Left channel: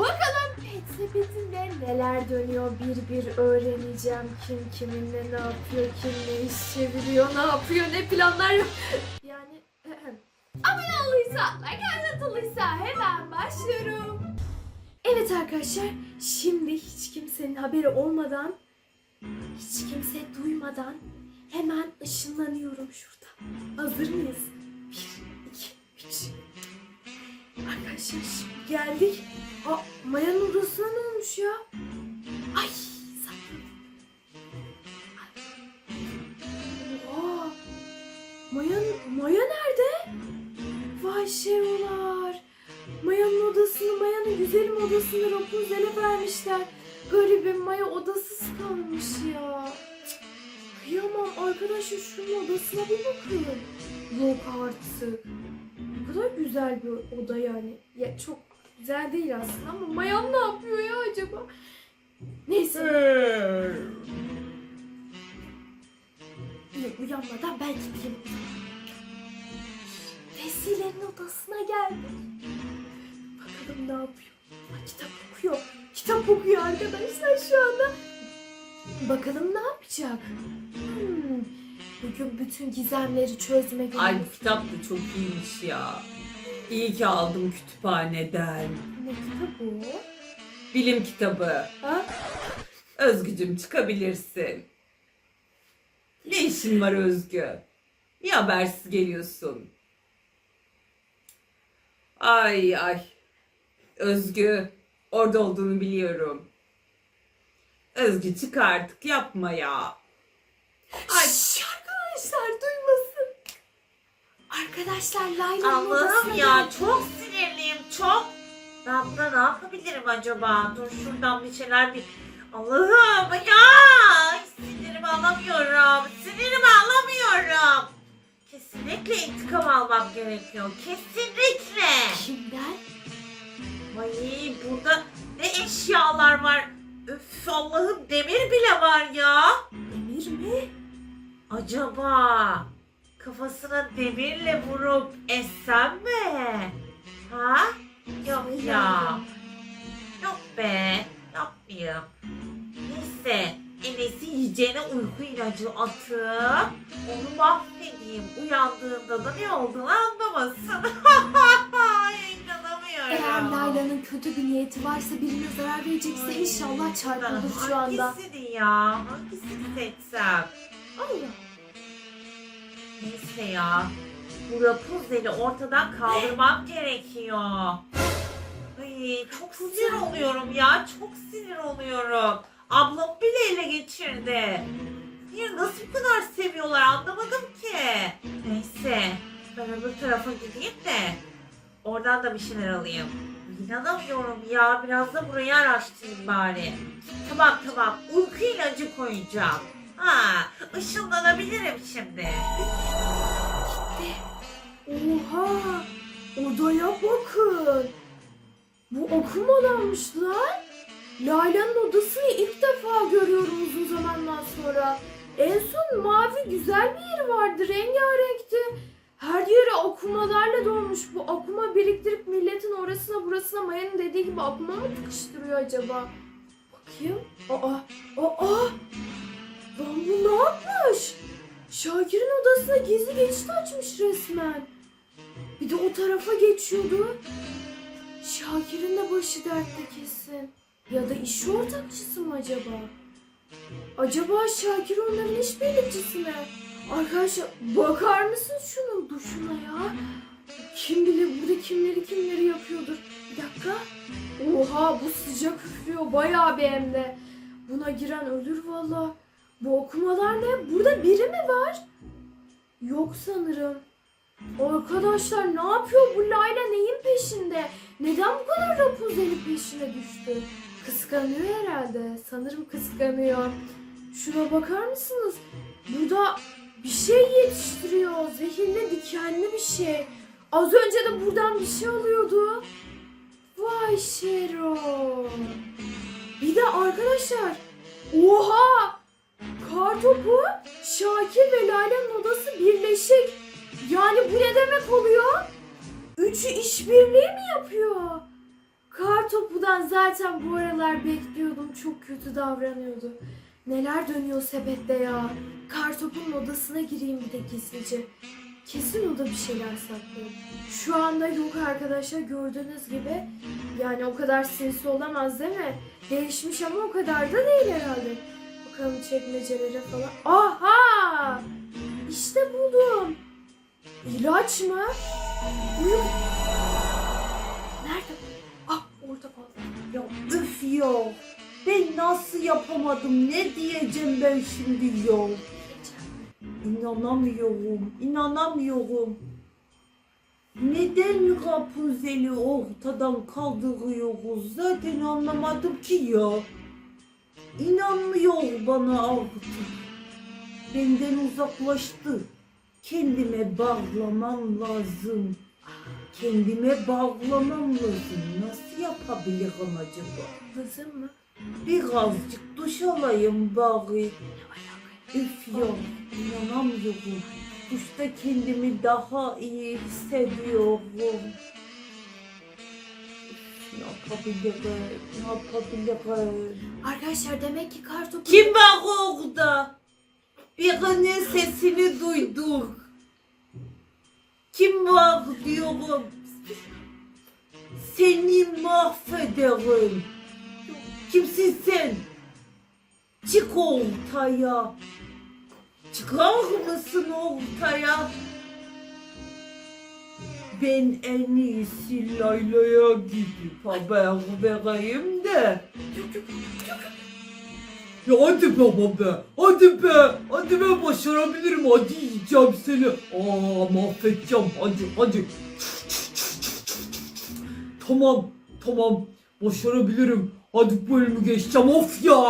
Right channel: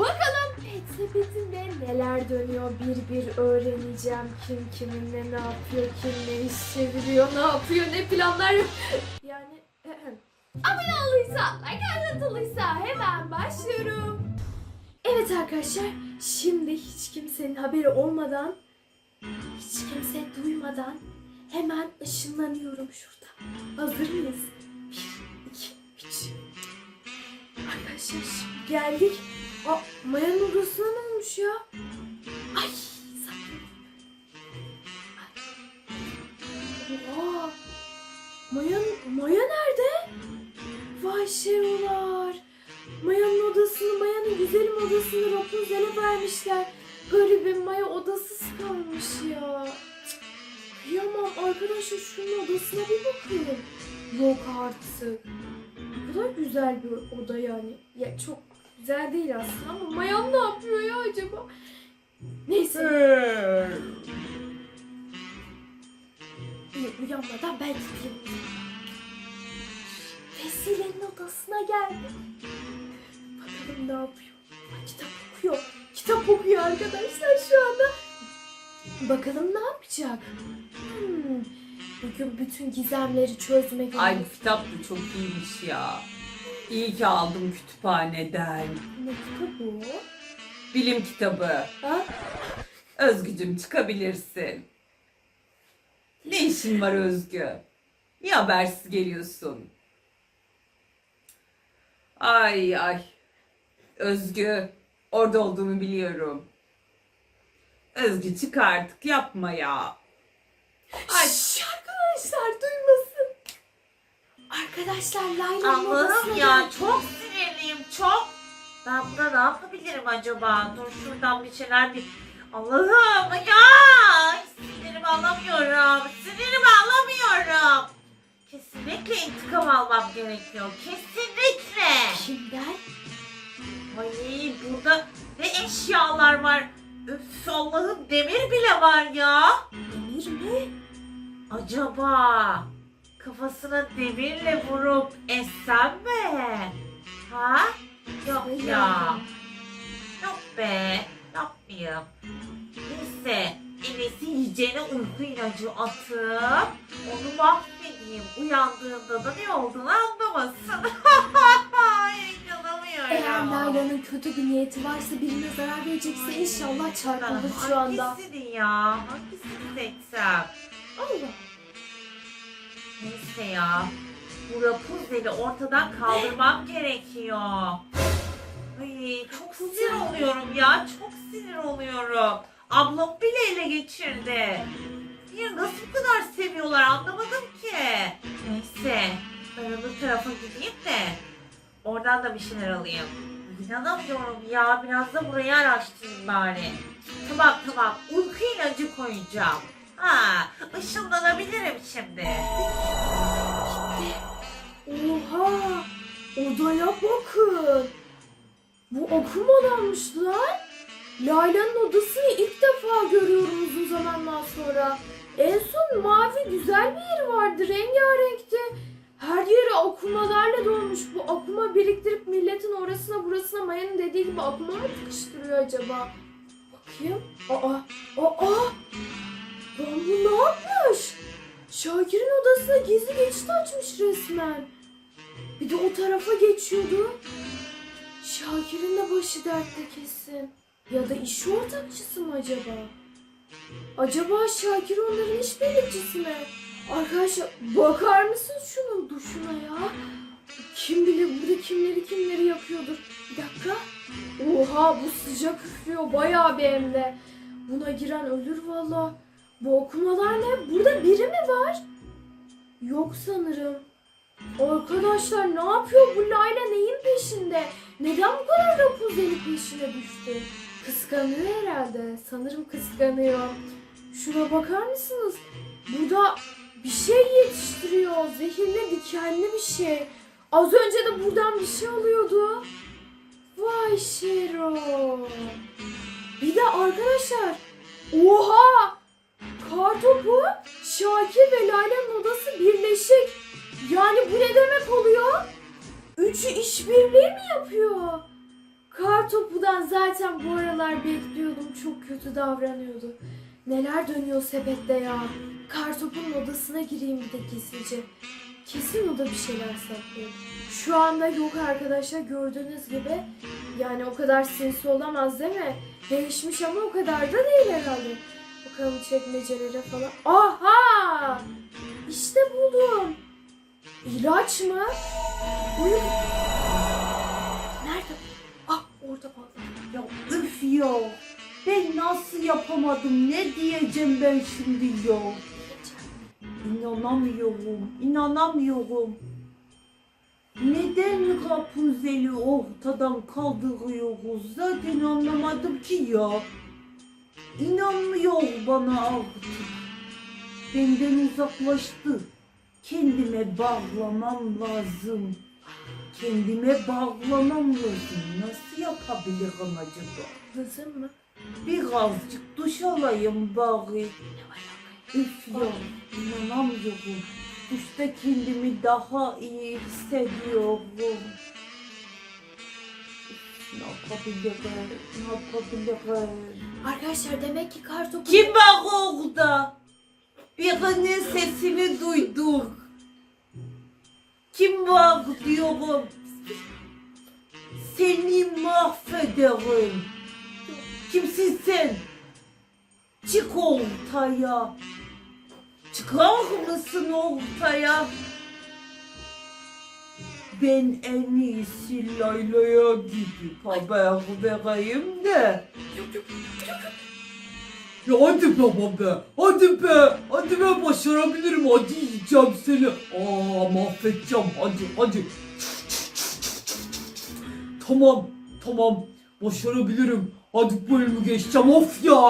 Bakalım pet sepetinde neler dönüyor bir bir öğreneceğim. Kim kiminle ne yapıyor, kim ne iş çeviriyor, ne yapıyor, ne planlar yap. Yani abone olduysa, like atılıysa hemen başlıyorum. Evet arkadaşlar, şimdi hiç kimsenin haberi olmadan, hiç kimse duymadan hemen ışınlanıyorum şurada. Hazır mıyız? Bir, iki, üç. Arkadaşlar şimdi geldik. Aa, Maya'nın odasına ne olmuş ya? Ay. Oha. Maya, Maya nerede? Vay şerolar. Maya'nın odasını, Maya'nın güzelim odasını Rapunzel'e vermişler. Garibim Maya odasız kalmış ya. Cık, Kıyamam arkadaşlar şunun odasına bir bakın. Yok artık. Ne kadar güzel bir oda yani. Ya çok güzel değil aslında ama Mayan ne yapıyor ya acaba? Neyse. İyi uyanmadan ben gideyim. Vesile'nin odasına geldim. Bakalım ne yapıyor. Aa, kitap okuyor. Kitap okuyor arkadaşlar şu anda. Bakalım ne yapacak? Hmm, Bugün bütün gizemleri çözme günü. Ay bu kitap da çok iyiymiş ya. İyi ki aldım kütüphaneden. Ne kitabı? Bilim kitabı. Ha? Özgücüm çıkabilirsin. Ne işin var Özgü? Niye habersiz geliyorsun? Ay ay. Özgü orada olduğunu biliyorum. Özgü çık artık yapma ya. Ay Şşş, arkadaşlar duymasın. Arkadaşlar Layla'nın odasına Allah'ım ya geldik. çok sinirliyim çok. Ben buna ne yapabilirim acaba? Dur şuradan bir şeyler bir... Allah'ım ya! Sinirimi alamıyorum. Sinirimi alamıyorum. Kesinlikle intikam almam gerekiyor. Kesinlikle. Kimden? Ay burada ne eşyalar var. Öf Allah'ım demir bile var ya. Emir mi? Acaba kafasına demirle vurup essem mi? Ha? Yok ya. Yok be. Yapmayayım. Neyse. En iyisi yiyeceğine uyku ilacı atıp onu mahvedeyim. Uyandığında da ne olduğunu anlamasın. Eğer Layla'nın kötü bir niyeti varsa birine zarar verecekse inşallah çarpılır şu anda. Hangisini ya? Hangisini seçsem? Allah. Neyse ya. Bu Rapunzel'i ortadan kaldırmam gerekiyor. Ay, çok sinir oluyorum ya. Çok sinir oluyorum. Ablam bile ele geçirdi. Niye nasıl bu kadar seviyorlar anlamadım ki. Neyse. Ben öbür tarafa gideyim de oradan da bir şeyler alayım. İnanamıyorum ya. Biraz da burayı araştırayım bari. Tamam tamam. Uyku ilacı koyacağım. Ha, ışınlanabilirim şimdi. Oha. Odaya bakın. Bu okumadanmış lan. Layla'nın odasını ilk defa görüyorum uzun zamandan sonra. En son mavi güzel bir yeri vardı. Rengarenkti. Her yeri akumalarla dolmuş. Bu akuma biriktirip milletin orasına burasına Maya'nın dediği gibi akuma mı tıkıştırıyor acaba? Bakayım. Aa, aa. Lan bu ne yapmış? Şakir'in odasına gizli geçit açmış resmen. Bir de o tarafa geçiyordu. Şakir'in de başı dertte kesin. Ya da iş ortakçısı mı acaba? Acaba Şakir onların iş birlikçisi mi? Arkadaşlar bakar mısınız şunun duşuna ya? Kim bilir burada kimleri kimleri yapıyordur. Bir dakika. Oha bu sıcak üflüyor bayağı bir hem de. Buna giren ölür valla. Bu okumalar ne? Burada biri mi var? Yok sanırım. Arkadaşlar ne yapıyor bu Layla neyin peşinde? Neden bu kadar Rapunzel'in peşine düştü? Kıskanıyor herhalde. Sanırım kıskanıyor. Şuna bakar mısınız? Burada bir şey yetiştiriyor. Zehirli dikenli bir şey. Az önce de buradan bir şey alıyordu. Vay Şero. Bir de arkadaşlar. Oha! Kartopu, Şakir ve Layla'nın odası birleşik. Yani bu ne demek oluyor? Üçü işbirliği mi yapıyor? Kartopu'dan zaten bu aralar bekliyordum. Çok kötü davranıyordu. Neler dönüyor sepette ya. Kartopu'nun odasına gireyim bir de gizlice. Kesin o da bir şeyler saklıyor. Şu anda yok arkadaşlar gördüğünüz gibi. Yani o kadar sinsi olamaz değil mi? Değişmiş ama o kadar da değil herhalde. Bakalım çekmecelere falan. Aha! İşte buldum. İlaç mı? Uyum. Nerede? Ah orada vallahi. Ya üf ya. Ben nasıl yapamadım? Ne diyeceğim ben şimdi ya? İnanamıyorum. inanamıyorum. Neden Rapunzel'i ortadan kaldırıyoruz? Zaten anlamadım ki ya. İnanmıyor bana artık. Benden uzaklaştı. Kendime bağlamam lazım. Kendime bağlamam lazım. Nasıl yapabilirim acaba? Kızım mı? Birazcık duş alayım bari. Üf ya, inanamıyorum. Duşta kendimi daha iyi hissediyorum. Arkadaşlar demek ki kartopu... Kim var orada? Birinin sesini duyduk. Kim var diyorum. Seni mahvederim. Kimsin sen? Çık ortaya. Çıkar mısın ortaya? Ben en iyisi Layla'ya gidip haber vereyim de. Yok yok yok. Ya hadi be baba. Hadi be. Hadi be başarabilirim. Hadi yiyeceğim seni. Aa mahvedeceğim. Hadi hadi. Tamam. Tamam. Başarabilirim. Hadi bu bölümü geçeceğim. Of ya.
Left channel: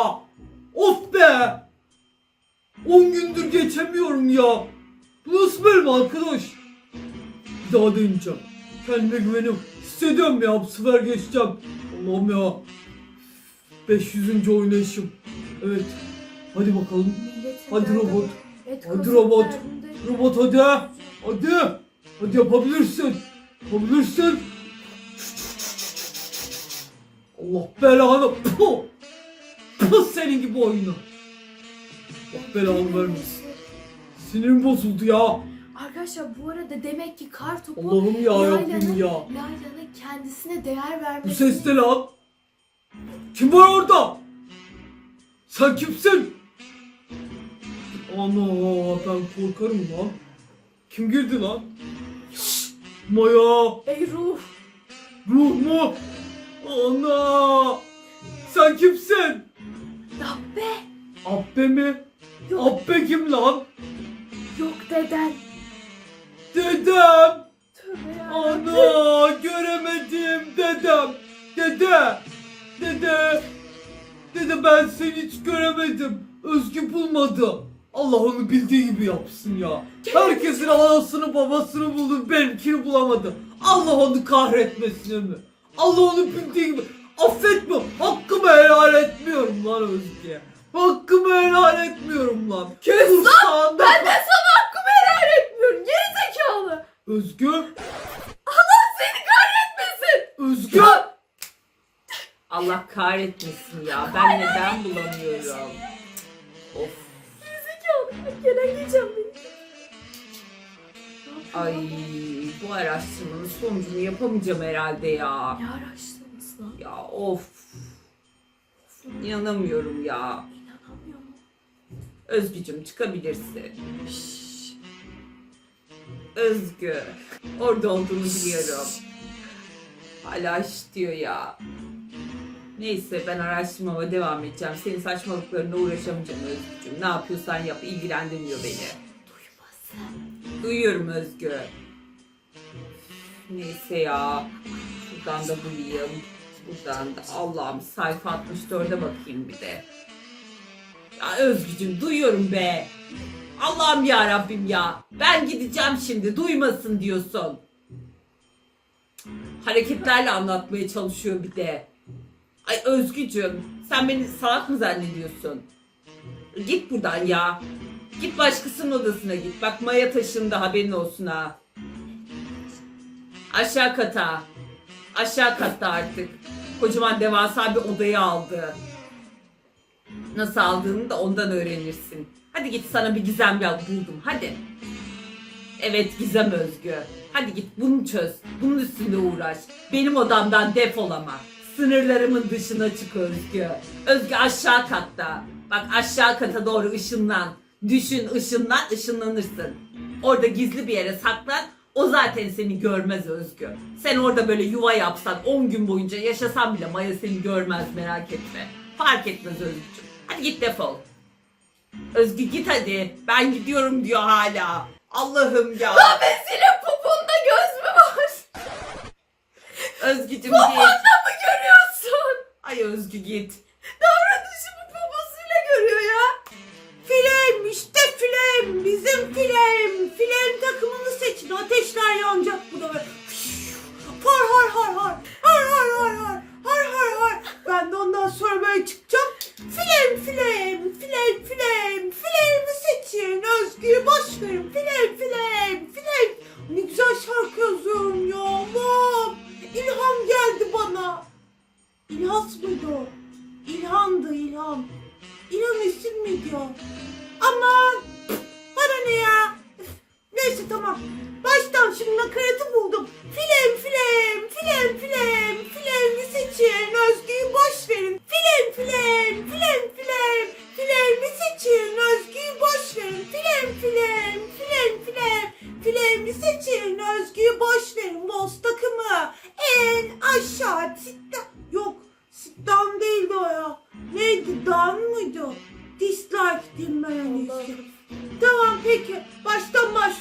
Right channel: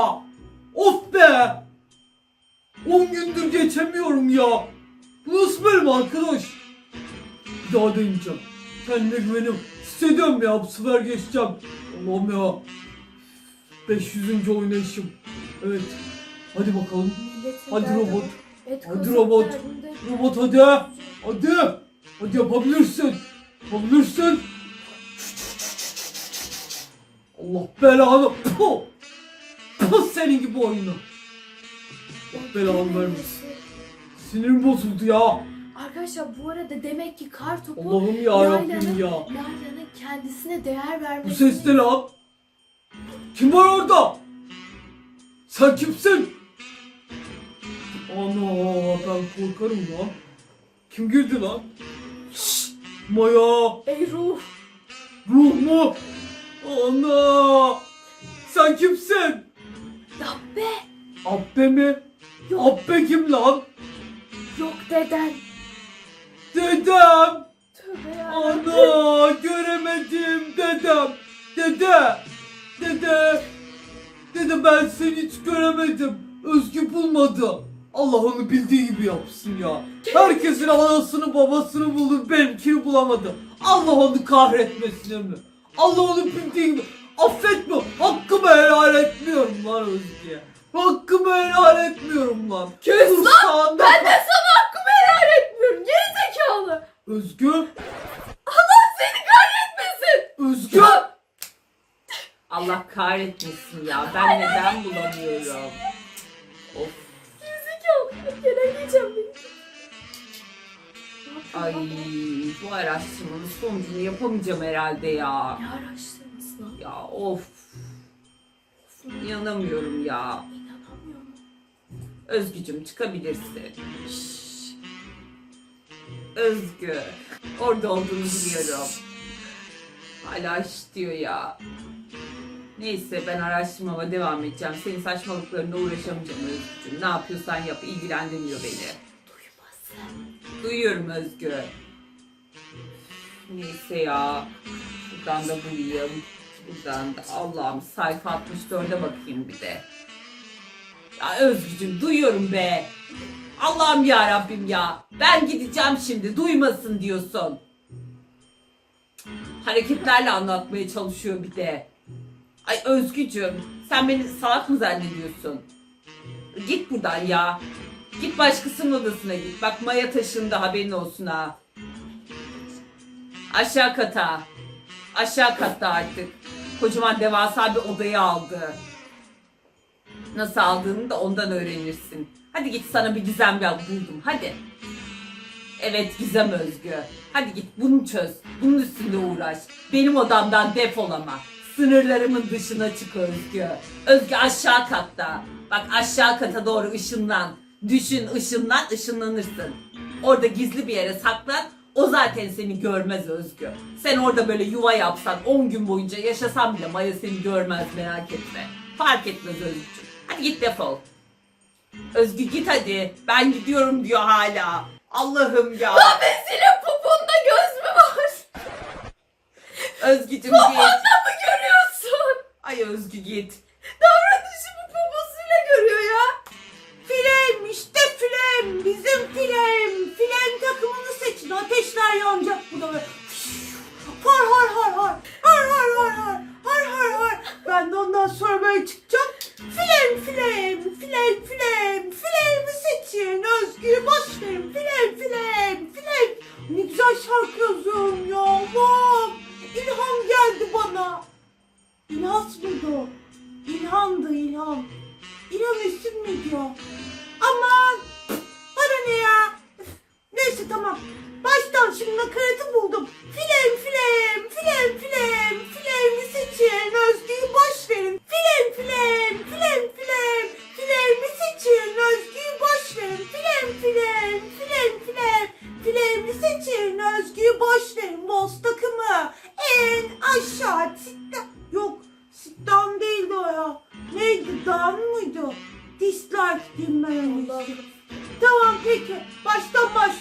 Of be. 10 gündür geçemiyorum ya. Bu nasıl bölüm arkadaş? Daha deneyeceğim. Kendime güvenim. Hissediyorum ya bu sefer geçeceğim. Allah'ım ya. 500. oynayışım. Evet. Hadi bakalım. Milletin Hadi derdi robot. bu. Et Hadi kazık robot. derdinde. Robot hadi. Hadi. Hadi yapabilirsin. Yapabilirsin. Allah belanı. Puh. Puh senin gibi oyunu. Allah belanı vermesin. Sinirim bozuldu ya. Arkadaşlar bu arada demek ki kartopu Allah'ım ya Layla'nın- Rabbim ya. Layla'nın kendisine değer Bu vermesini... ses ne lan? Kim var orada? Sen kimsin? Ana ben korkarım lan. Kim girdi lan? Maya Ey ruh. ruh mu? Ana sen kimsin? Dabbe. Abbe mi? Yok Abbe kim lan? yok deden. Dedem. Tövbe ya. Ana göremedim dedem. Dede. Dede. Dede ben seni hiç göremedim. Özgü bulmadı. Allah onu bildiği gibi yapsın ya. Herkesin anasını babasını buldu benimkini bulamadı. Allah onu kahretmesin mi? Allah onu bildiği gibi affetme. Hakkımı helal etmiyorum lan Özgü. Hakkımı helal etmiyorum lan. Kes lan! Ben de sana hakkımı helal etmiyorum. Geri zekalı. Özgü. Seni kahretmesin. Özgü. Allah kahretmesin ya. Ben neden bulamıyorum? Of. Geri zekalı. Ya, Gelen geçen beni. Ay bu araştırmanın sonucunu yapamayacağım herhalde ya. Ne araştırması lan? Ya of. İnanamıyorum ya. İnanamıyorum. Özgücüm çıkabilirsin. Özgü. Orada olduğunu biliyorum. Hala iş diyor ya. Neyse ben araştırmama devam edeceğim. Senin saçmalıklarına uğraşamayacağım Özgücüm. Ne yapıyorsan yap ilgilendirmiyor beni. Duymazsın. Duyuyorum Özgü. Neyse ya. Şuradan da bulayım. Buradan da Allah'ım sayfa 64'e bakayım bir de. Ya Özgücüm duyuyorum be. Allah'ım ya Rabbim ya. Ben gideceğim şimdi duymasın diyorsun. Hareketlerle anlatmaya çalışıyor bir de. Ay Özgücüm sen beni salak mı zannediyorsun? Git buradan ya. Git başkasının odasına git. Bak Maya taşındı haberin olsun ha. Aşağı kata. Aşağı katta artık. Kocaman devasa bir odayı aldı. Nasıl aldığını da ondan öğrenirsin. Hadi git sana bir gizem yap buldum. Hadi. Evet Gizem Özgü. Hadi git bunu çöz. Bunun üstünde uğraş. Benim odamdan defol ama. Sınırlarımın dışına çık Özgü. Özgü aşağı katta. Bak aşağı kata doğru ışınlan. Düşün ışınlan ışınlanırsın. Orada gizli bir yere saklan. O zaten seni görmez Özgü. Sen orada böyle yuva yapsan 10 gün boyunca yaşasan bile Maya seni görmez merak etme. Fark etmez Özgücüm. Hadi git defol. Özgü git hadi. Ben gidiyorum diyor hala. Allah'ım ya. Senin popunda göz mü var? Özgücüm git. Popunda mı görüyorsun? Ay Özgü git. Davranışımı poposuyla görüyor ya. Filem işte filem bizim filem. Filem takımını seçin ateşler yanacak bu da. Har har har har. Har har har har. Har har har. Ben de ondan sonra böyle çıkacağım. Filem filem filem filem. Filemi seçin Özgür boş verin. Tamam peki. Baştan başlıyoruz.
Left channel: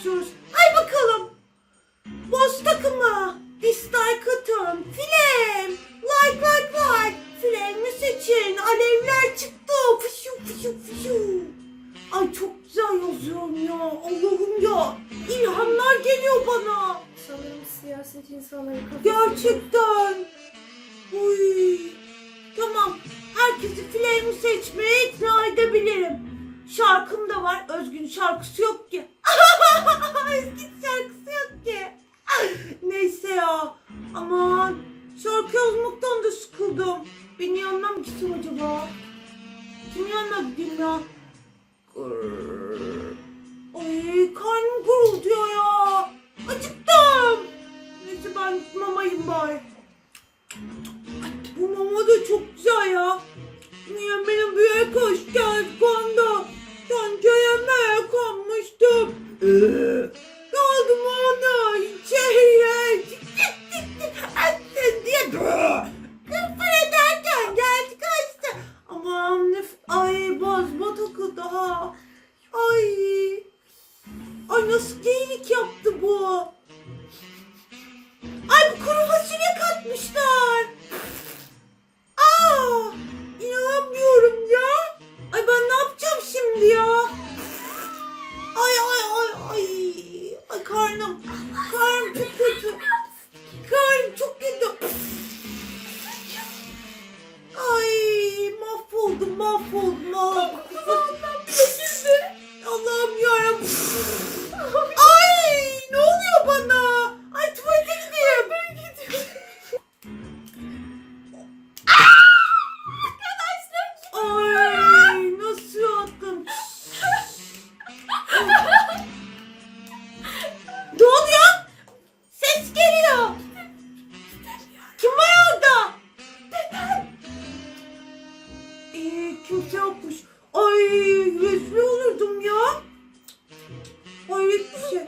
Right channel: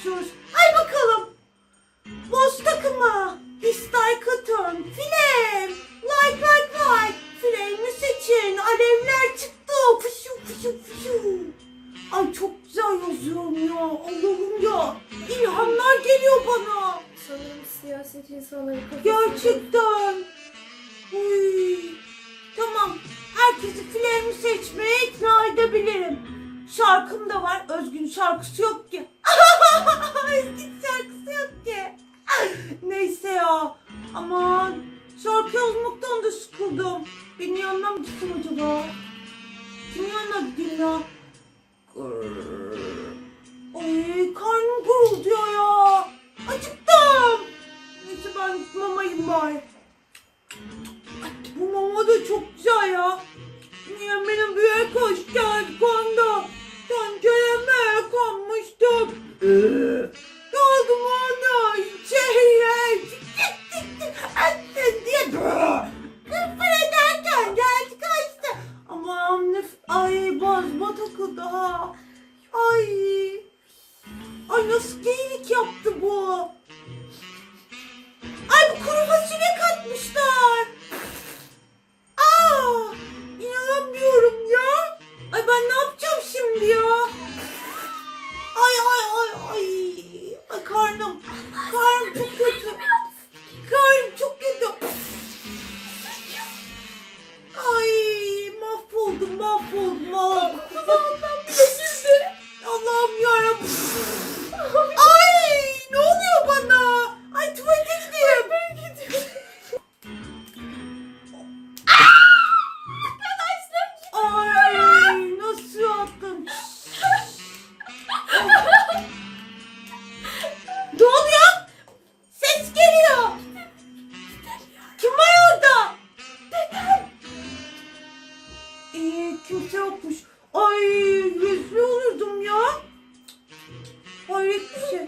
Hayret bir şey.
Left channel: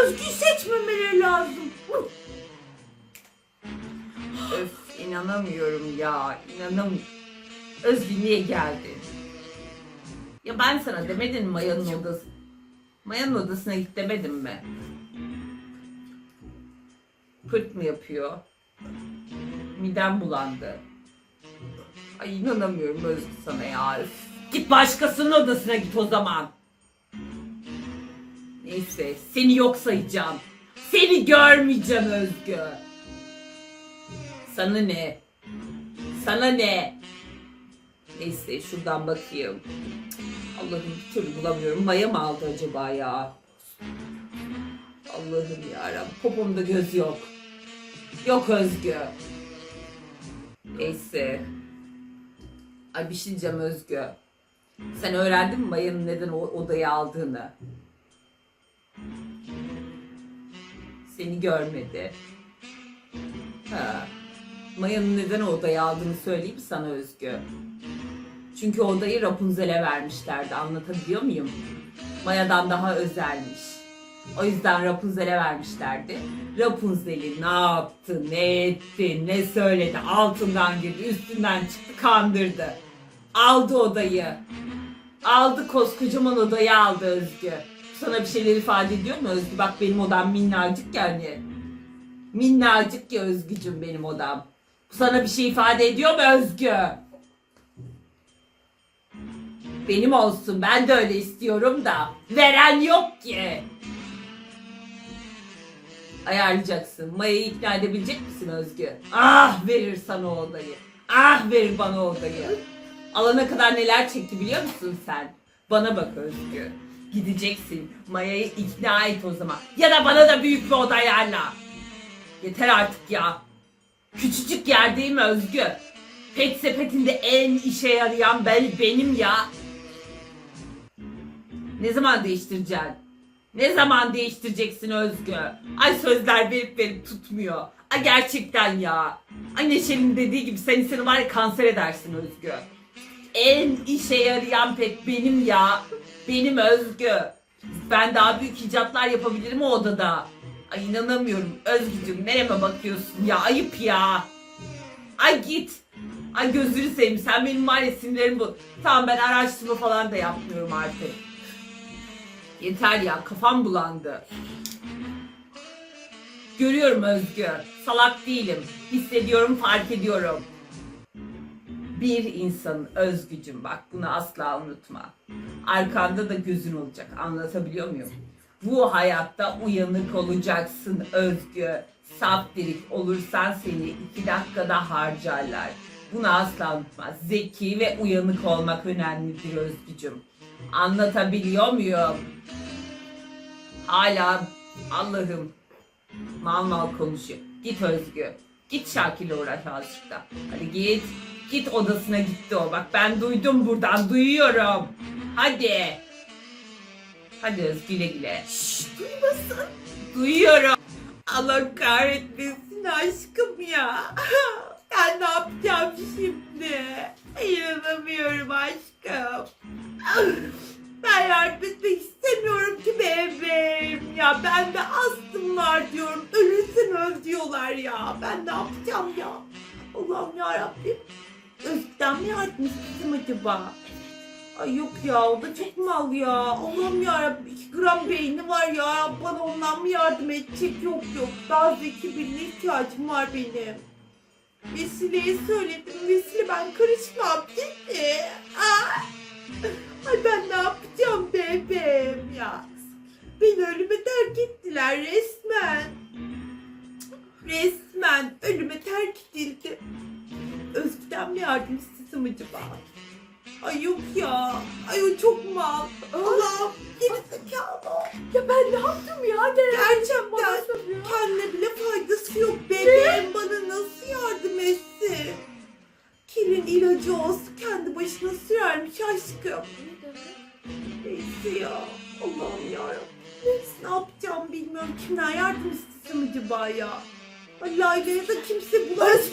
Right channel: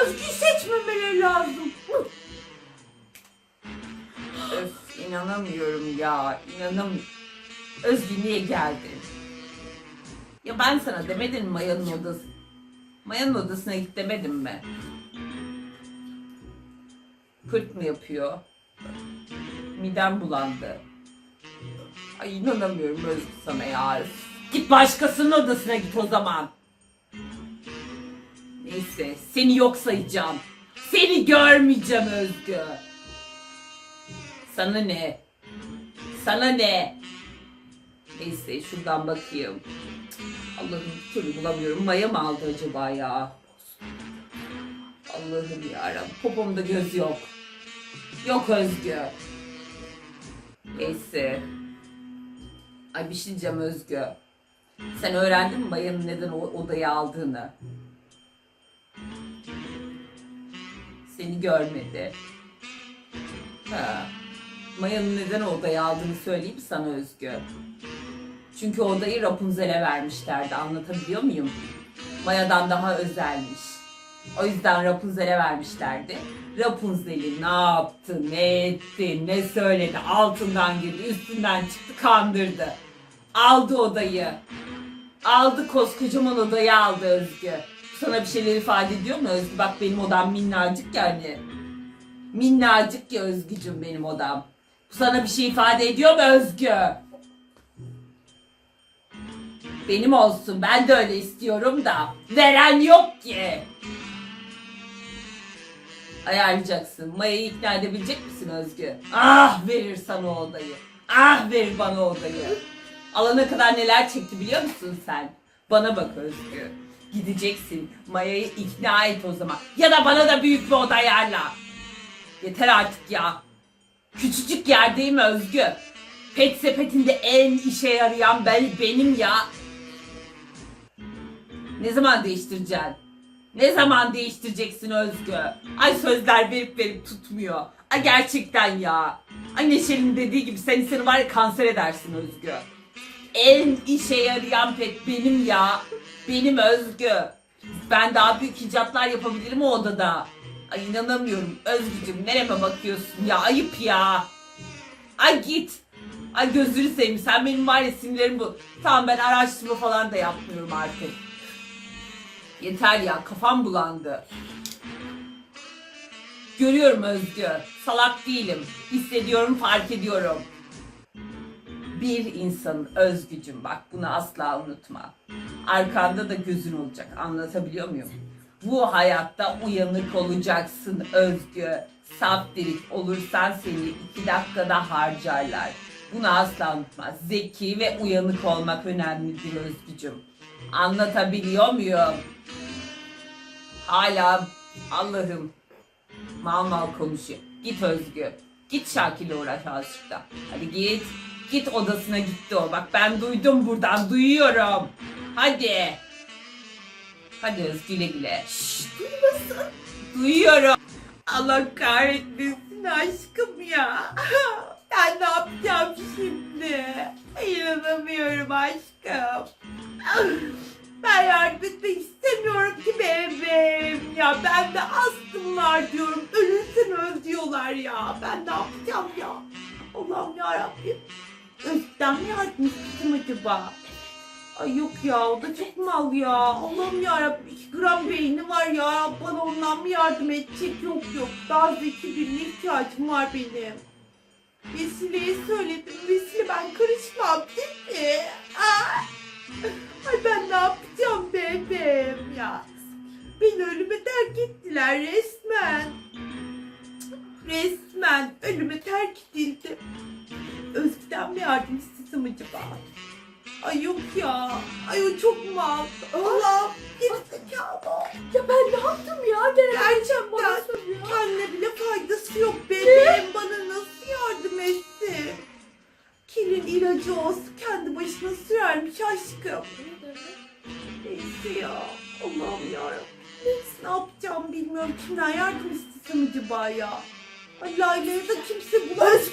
Özgü seçmemeleri lazım. Öf inanamıyorum ya. İnanamıyorum. Özgü niye geldin? Ya ben sana demedim Maya'nın odası? Maya'nın odasına git demedim mi? Pırt mı yapıyor? Midem bulandı. Ay inanamıyorum Özgü sana ya. Git başkasının odasına git o zaman. Neyse seni yok sayacağım. Seni görmeyeceğim Özgü. Sana ne? Sana ne? Neyse şuradan bakayım. Allah'ım bir türlü bulamıyorum. Maya mı aldı acaba ya? Allah'ım yarabbim. Popomda göz yok. Yok Özgü. Neyse. Ay bir şey diyeceğim Özgü. Sen öğrendin mi Maya'nın neden o odayı aldığını? Seni görmedi. Ha. Maya'nın neden odayı aldığını söyleyeyim sana Özgü. Çünkü odayı Rapunzel'e vermişlerdi. Anlatabiliyor muyum? Maya'dan daha özelmiş. O yüzden Rapunzel'e vermişlerdi. Rapunzel'i ne yaptı, ne etti, ne söyledi, altından girdi, üstünden çıktı, kandırdı. Aldı odayı. Aldı koskocaman odayı aldı Özgü. Sana bir şeyler ifade ediyor mu Özgü? Bak benim odam minnacık yani. Minnacık ya Özgücüm benim odam. Bu sana bir şey ifade ediyor mu Özgü? Benim olsun ben de öyle istiyorum da. Veren yok ki. Ayarlayacaksın. Maya'yı ikna edebilecek misin Özgü? Ah verir sana o odayı. Ah verir bana o odayı. Alana kadar neler çekti biliyor musun sen? Bana bak Özgü. Gideceksin. Maya'yı ikna et o zaman. Ya da bana da büyük bir oda ayarla. Yeter artık ya. Küçücük yer değil mi Özgü? Pet sepetinde en işe yarayan ben, benim ya. Ne zaman değiştireceksin? Ne zaman değiştireceksin Özgü? Ay sözler verip verip tutmuyor. Ay gerçekten ya. Ay Neşe'nin dediği gibi sen insanı var ya kanser edersin Özgü. En işe yarayan pek benim ya. Benim Özgü. Ben daha büyük icatlar yapabilirim o odada. Ay inanamıyorum. Özgücüm nereme bakıyorsun ya? Ayıp ya. Ay git. Ay gözünü seveyim. Sen benim var ya sinirlerim bu. Tamam ben araştırma falan da yapmıyorum artık. Yeter ya kafam bulandı. Görüyorum Özgü. Salak değilim. Hissediyorum, fark ediyorum. Bir insanın özgücüm bak bunu asla unutma. Arkanda da gözün olacak. Anlatabiliyor muyum? Bu hayatta uyanık olacaksın Özgü. Saf delik olursan seni iki dakikada harcarlar. Bunu asla unutma. Zeki ve uyanık olmak önemlidir Özgücüm. Anlatabiliyor muyum? Hala Allah'ım mal mal konuşuyor. Git Özgü. Git Şakir'le uğraş azıcık da. Hadi git. Git odasına gitti o. Bak ben duydum buradan. Duyuyorum. Hadi. Hadi Özgü güle güle. Şşş duymasın. Duyuyorum. Allah kahretmesin aşkım ya. Ben ne yapacağım şimdi? İnanamıyorum aşkım. Ben yardım etmek istemiyorum ki bebeğim. Ya ben de astım var diyorum. Ölürsün öl diyorlar ya. Ben ne yapacağım ya? Allah'ım yarabbim. Özden mi istedim acaba? Ay yok ya o da çok mal ya. Allah'ım yarabbim 2 gram beyni var ya. Bana ondan mı yardım edecek? Yok yok. Daha zeki birine ihtiyacım var benim. Vesile'ye söyledim. Vesile ben karışmam değil mi? Ay, Ay ben ne yapacağım bebeğim ya. Beni ölüme terk ettiler resmen. Resmen ölüme terk edildim. Özgüden mi yardım istesem acaba? Ay yok ya. Ay o çok mal. Allah gerizekalı. Ya ben ne yaptım ya? Gene Gerçekten. bana soruyor. Kendine bile faydası yok. Bebeğim bana nasıl yardım etsin? Kilin ilacı olsun kendi başına sürermiş aşkım. Neyse ya. Allah'ım yarabbim. Neyse ne yapacağım bilmiyorum. Kimden yardım istesem acaba ya? Allah'ım da kimse bulaşmak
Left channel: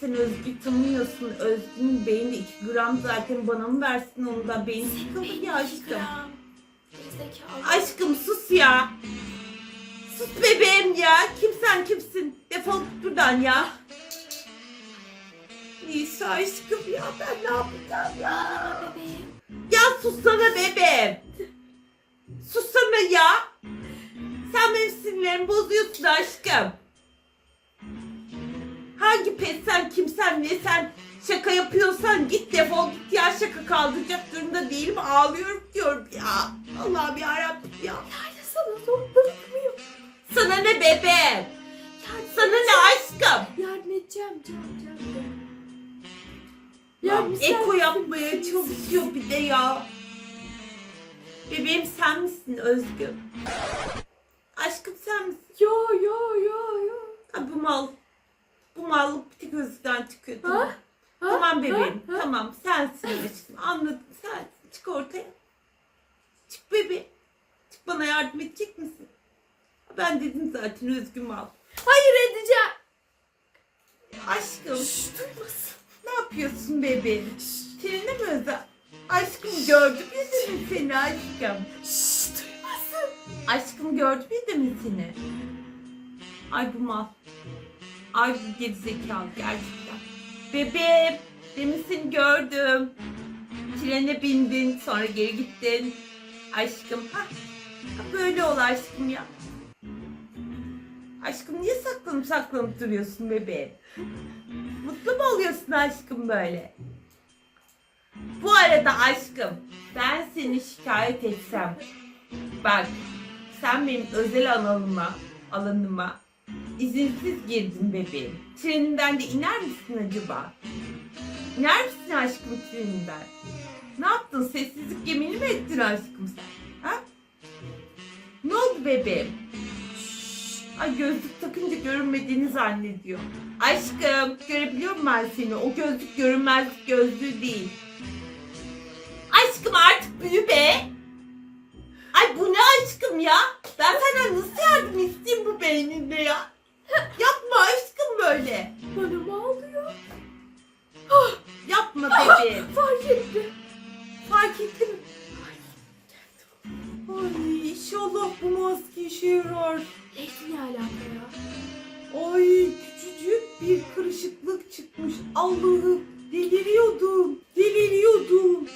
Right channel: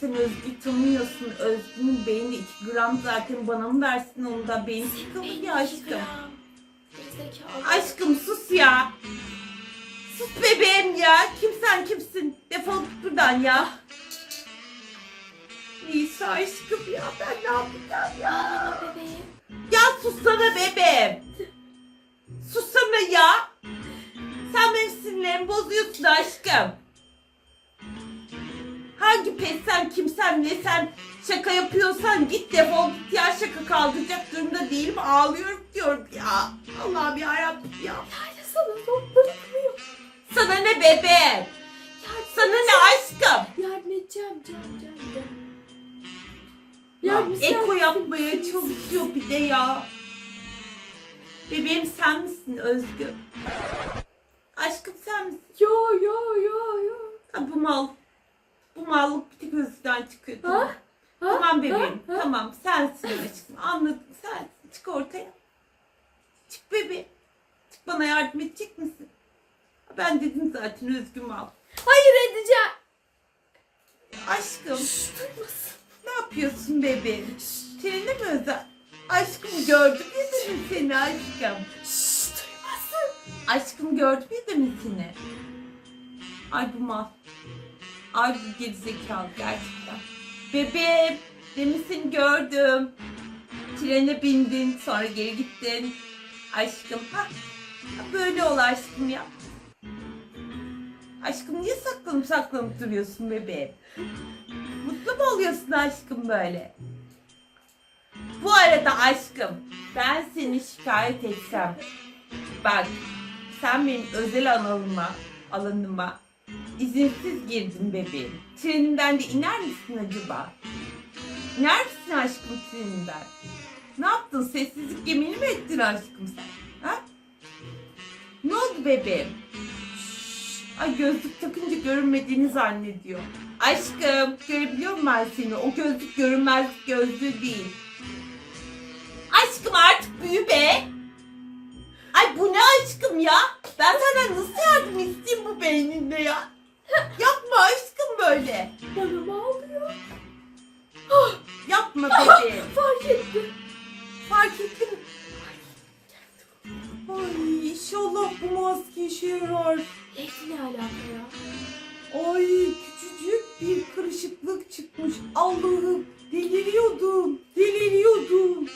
sen Özgü tanıyorsun. Özgü'nün beyni 2 gram zaten bana mı versin onu da beyni sıkıldı ya aşkım. Aşkım sus ya. Sus bebeğim ya. Kim sen kimsin? Defol git buradan ya. Neyse aşkım ya ben ne yapacağım ya? Ağlama bebeğim. Ya sussana bebeğim. Sussana ya. Sen benim sinirlerimi bozuyorsun aşkım. Hangi pes sen kimsen ne sen şaka yapıyorsan git defol git ya şaka kaldıracak durumda değilim ağlıyorum diyorum ya. Allah'ım yarabbim ya. Layla sana zor bırakmıyor. Sana ne bebeğim? Yardım Sana ne aşkım? Yardım edeceğim Cem Cem Cem. Eko yapmaya çalışıyor bir de ya. Bebeğim sen misin Özgür? Aşkım sen misin? Yo yo yo yo. Ha, bu mal. Bu mallık bir tek Özgür'den çıkıyor. Ha? Tamam, Ha? tamam bebeğim. Ha? Ha? Tamam sensin aşkım. Anladım sensin. Çık ortaya. Çık bebeğim. Çık bana yardım edecek misin? Ben dedim zaten Özgür mal. Hayır edeceğim. Aşkım Şşş duymasın. ne yapıyorsun bebeğim? Seninle mi özel? Aşkım gördüm ya mi seni aşkım? Şşş duymasın. Aşkım gördüm mi seni? Ay bu mal. Ay bu gerizekalı gerçekten. Bebeğim demin seni gördüm. Trene bindin sonra geri gittin. Aşkım ha böyle ol aşkım ya. Aşkım niye saklanıp saklanıp duruyorsun bebeğim? Mutlu mu oluyorsun aşkım böyle? Bu arada aşkım ben seni şikayet etsem bak sen benim özel alanıma alanıma izinsiz girdin bebeğim. Trenimden de iner misin acaba? İner misin aşkım trenimden? Ne yaptın? Sessizlik gemini mi ettin aşkım sen? Ha? Ne oldu bebeğim? Şşş, Ay gözlük takınca görünmediğini zannediyor. Aşkım görebiliyor muyum ben seni? O gözlük görünmezlik gözlüğü değil. Aşkım artık büyü be. Ay bu ne aşkım ya? Ben senden nasıl yardım isteyeyim bu beyninde ya? Yapma aşkım böyle. Bana mı ağlıyor? Yapma bebeğim. Fark etti. Fark ettim. Ay inşallah bu maske işe yarar. Lady ne alaka ya? Ay küçücük bir kırışıklık çıkmış. Allah'ım deliriyordum. Deliriyordum.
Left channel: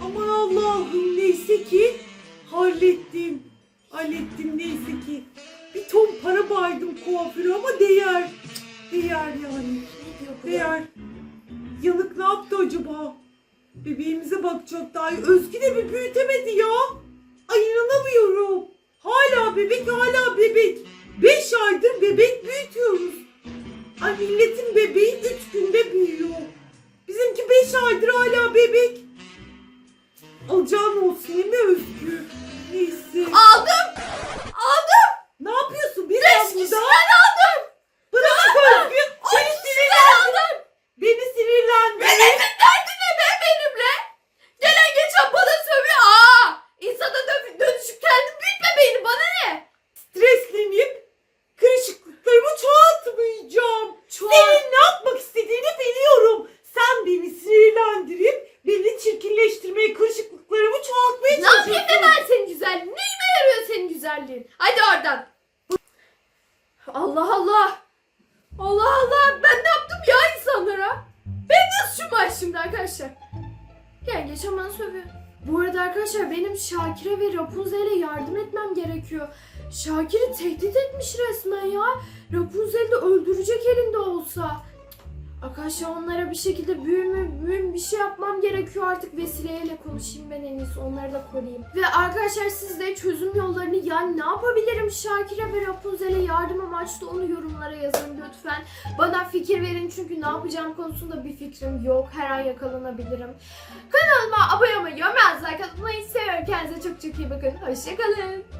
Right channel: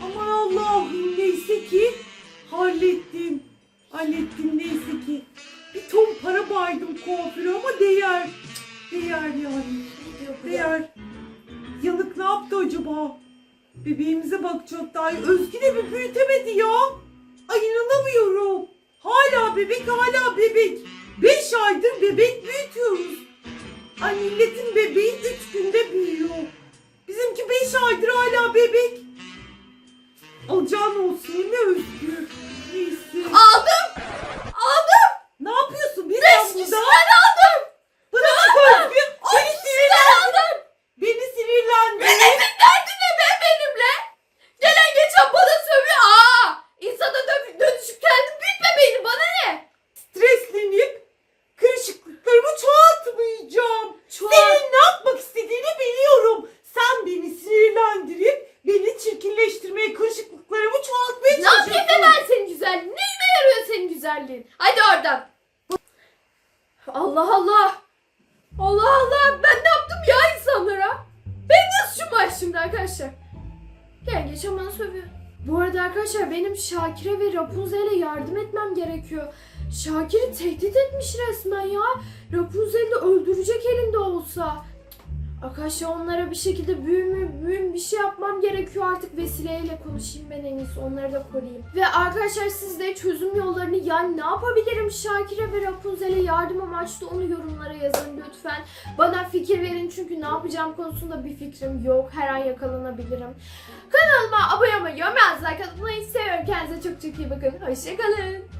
Aman Allah'ım neyse ki hallettim. Hallettim neyse ki. Bir ton para baydım kuaföre ama değer. Değer yani. Değer. Yanık ne yaptı acaba? Bebeğimize bakacaktı. Ay Özgü de bir büyütemedi ya. Ay inanamıyorum. Hala bebek hala bebek. Beş aydır bebek büyütüyoruz. Ay milletin bebeği güzelliğin? Hadi oradan. Allah Allah. Allah Allah. Ben ne yaptım ya insanlara? Benim suçum var şimdi arkadaşlar? Gel geç bana sövüyor. Bu arada arkadaşlar benim Şakir'e ve Rapunzel'e yardım etmem gerekiyor. Şakir'i tehdit etmiş resmen ya. Rapunzel'i de öldürecek elinde olsa. Arkadaşlar onlara bir şekilde büyümü, büyüm bir şey yapmam gerekiyor artık vesileyle konuşayım ben en iyisi onları da koruyayım. Ve arkadaşlar siz de çözüm yollarını yani ne yapabilirim Şakir'e ve Rapunzel'e yardım amaçlı onu yorumlara yazın lütfen. Bana fikir verin çünkü ne yapacağım konusunda bir fikrim yok. Her an yakalanabilirim. Kanalıma abone olmayı, yorum yazmayı, katılmayı seviyorum. Kendinize çok çok iyi bakın. Hoşçakalın.